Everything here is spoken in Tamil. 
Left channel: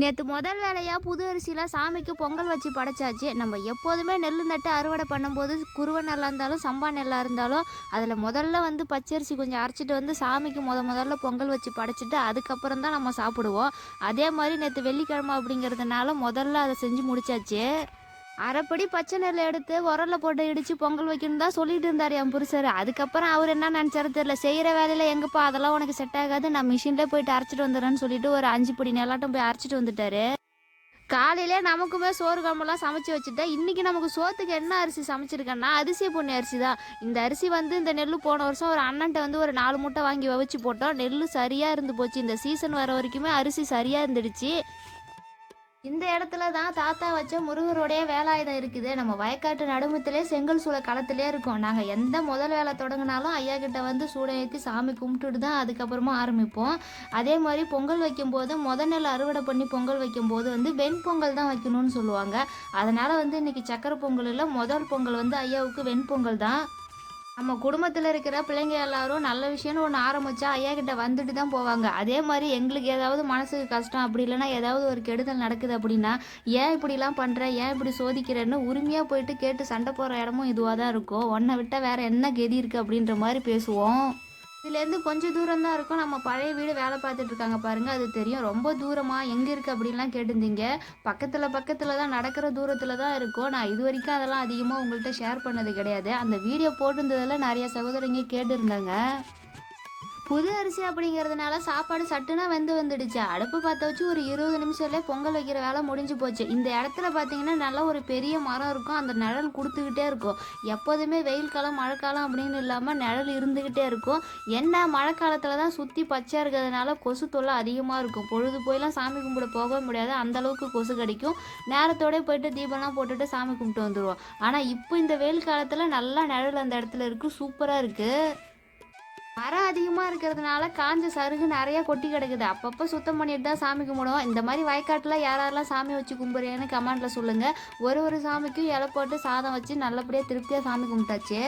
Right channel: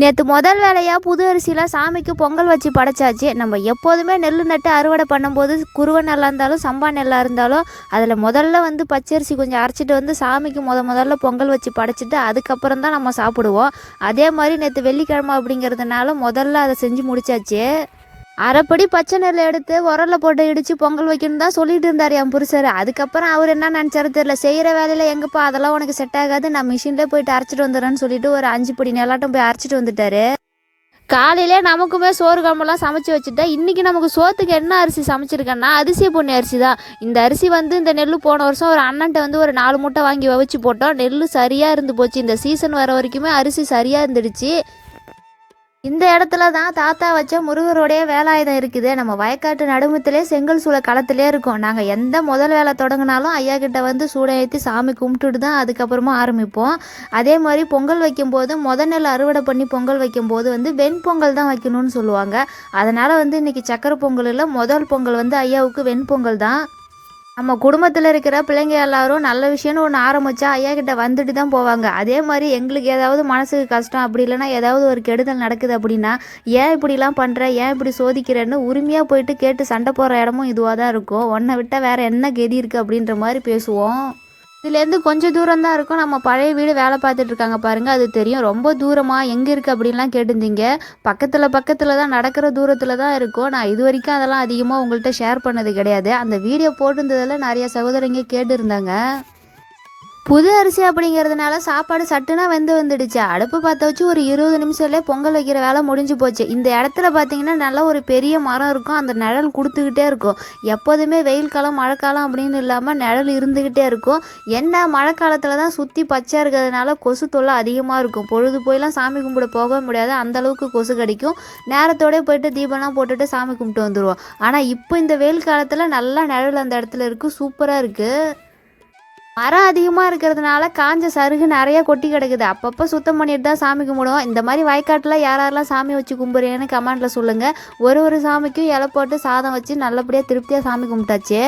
நேற்று முதல் வேலையாக புது அரிசியில் சாமிக்கு பொங்கல் வச்சு படைச்சாச்சு. நம்ம எப்போதுமே நெல் நட்டு அறுவடை பண்ணும்போது குருவை நெல்லாக இருந்தாலும் சம்பா நெல்லாக இருந்தாலும் அதில் முதல்ல வந்து பச்சரிசி கொஞ்சம் அரைச்சிட்டு வந்து சாமிக்கு முதல்ல பொங்கல் வச்சு படைச்சிட்டு அதுக்கப்புறம் தான் நம்ம சாப்பிடுவோம். அதே மாதிரி நேற்று வெள்ளிக்கிழமை அப்படிங்கிறதுனால முதல்ல அதை செஞ்சு முடிச்சாச்சு. அரைப்படி பச்சை நெல் எடுத்து உரலில் போட்டு இடித்து பொங்கல் வைக்கணும் தான் சொல்லிட்டு இருந்தார் என் புருஷர். அதுக்கப்புறம் அவர் என்ன நினச்சாரு தெரியல, செய்கிற வேலையில் எங்கப்பா அதெல்லாம் உனக்கு செட் ஆகாது, நான் மிஷினில் போயிட்டு அரைச்சிட்டு வந்துடுறேன்னு சொல்லிட்டு ஒரு 5 படி நெல்லாட்டம் போய் அரைச்சிட்டு வந்துட்டாரு. காலையிலே நமக்குமே சோறு குழம்பெல்லாம் சமைச்சு வச்சுட்டேன். இன்றைக்கி நமக்கு சோத்துக்கு என்ன அரிசி சமைச்சிருக்கேன்னா அரிசி பொன்னி அரிசி தான். இந்த அரிசி வந்து இந்த நெல் போன வருஷம் ஒரு அண்ணன்ட்ட வந்து ஒரு 4 மூட்டை வாங்கி வச்சு போட்டோம். நெல் சரியாக இருந்து போச்சு. இந்த சீசன் வர வரைக்குமே அரிசி சரியாக இருந்துடுச்சு. இந்த இடத்துல தான் தாத்தா வச்ச முருகருடைய வேலாயுதம் இருக்குது. நம்ம வயக்காட்டு நடுமத்திலே செங்கல் சூளை களத்திலே இருக்கோம். நாங்கள் எந்த முதல் வேலை தொடங்கினாலும் ஐயா கிட்ட வந்து சூடை ஏற்றி சாமி கும்பிட்டுட்டு தான் அதுக்கப்புறமா ஆரம்பிப்போம். அதே மாதிரி பொங்கல் வைக்கும்போது நெல் அறுவடை பண்ணி பொங்கல் வைக்கும்போது வந்து வெண்பொங்கல் தான் வைக்கணும்னு சொல்லுவாங்க. அதனால் வந்து இன்றைக்கி சக்கரை பொங்கல் இல்லை, முதல் பொங்கல் வந்து ஐயாவுக்கு வெண்பொங்கல் தான். நம்ம குடும்பத்தில் இருக்கிற பிள்ளைங்க எல்லாரும் நல்ல விஷயம்னு ஒன்று ஆரம்பித்தா ஐயா கிட்ட வந்துட்டு தான் போவாங்க. அதே மாதிரி எங்களுக்கு ஏதாவது மனசுக்கு கஷ்டம் அப்படி இல்லைன்னா ஏதாவது ஒரு கெடுதல் நடக்குது அப்படின்னா, ஏன் இப்படிலாம் பண்ணுற, ஏன் இப்படி சோதிக்கிறேன்னு உரிமையாக போயிட்டு கேட்டு சண்டை போடுற இடமும் இதுவாக தான் இருக்கும். உன்னை விட்டால் வேறு என்ன கெதி இருக்குது அப்படின்ற மாதிரி பேசுவோம். இதுலேருந்து கொஞ்சம் தூரம் தான் இருக்கும். நம்ம பழைய வீடு வேலை பார்த்துட்டு இருக்காங்க பாருங்கள், அது தெரியும். ரொம்ப தூரமாக எங்கே இருக்குது அப்படின்லாம் கேட்டிருந்தீங்க. பக்கத்தில் தான், நடக்கிற தூரத்தில் தான் இருக்கும். நான் இது வரைக்கும் அதெல்லாம் அதிகமாக உங்கள்கிட்ட ஷேர் பண்ணது கிடையாது. அந்த வீடியோ போட்டிருந்ததில் நிறைய சகோதரங்க கேட்டுருந்தாங்க. புது அரிசி அப்படிங்கிறதுனால சாப்பாடு சட்டுனா வந்துடுச்சு. அடுப்பு பார்த்த வச்சு ஒரு 20 நிமிஷத்துலேயே பொங்கல் வைக்கிற வேலை முடிஞ்சு போச்சு. இந்த இடத்துல பார்த்தீங்கன்னா நல்லா ஒரு பெரிய மரம் இருக்கும். அந்த நிழல் கொடுத்துக்கிட்டே இருக்கும். எப்போதுமே வெயில் காலம் மழைக்காலம் அப்படின்னு இல்லாமல் நிழல் இருந்துக்கிட்டே இருக்கும். என்ன மழை காலத்தில் தான் சுற்றி பச்சையாக இருக்கிறதுனால கொசு தொல்லை அதிகமாக இருக்கும். பொழுது போயெல்லாம் சாமி கும்பிட போக முடியாது, அந்தளவுக்கு கொசு கடிக்கும். நேரத்தோடய போயிட்டு தீபம்லாம் போட்டுட்டு சாமி கும்பிட்டு வந்துடுவோம். ஆனால் இப்போ இந்த வெயில் காலத்தில் நல்லா நிழல் அந்த இடத்துல இருக்குது, சூப்பராக இருக்குது. மரம் அதிகமாக இருக்கிறதுனால காஞ்ச சருகு நிறைய கொட்டி கிடக்குது. அப்பப்போ சுத்தம் பண்ணிட்டு தான் சாமி கும்பிடுவோம். இந்த மாதிரி வயக்காட்டில் யாரெல்லாம் சாமி வச்சு கும்பிட்றீங்கன்னு கமெண்ட்டில் சொல்லுங்கள். ஒரு சாமிக்கும் இலை போட்டு சாதம் வச்சு நல்லபடியாக திருப்தியாக சாமி கும்பிட்டாச்சு.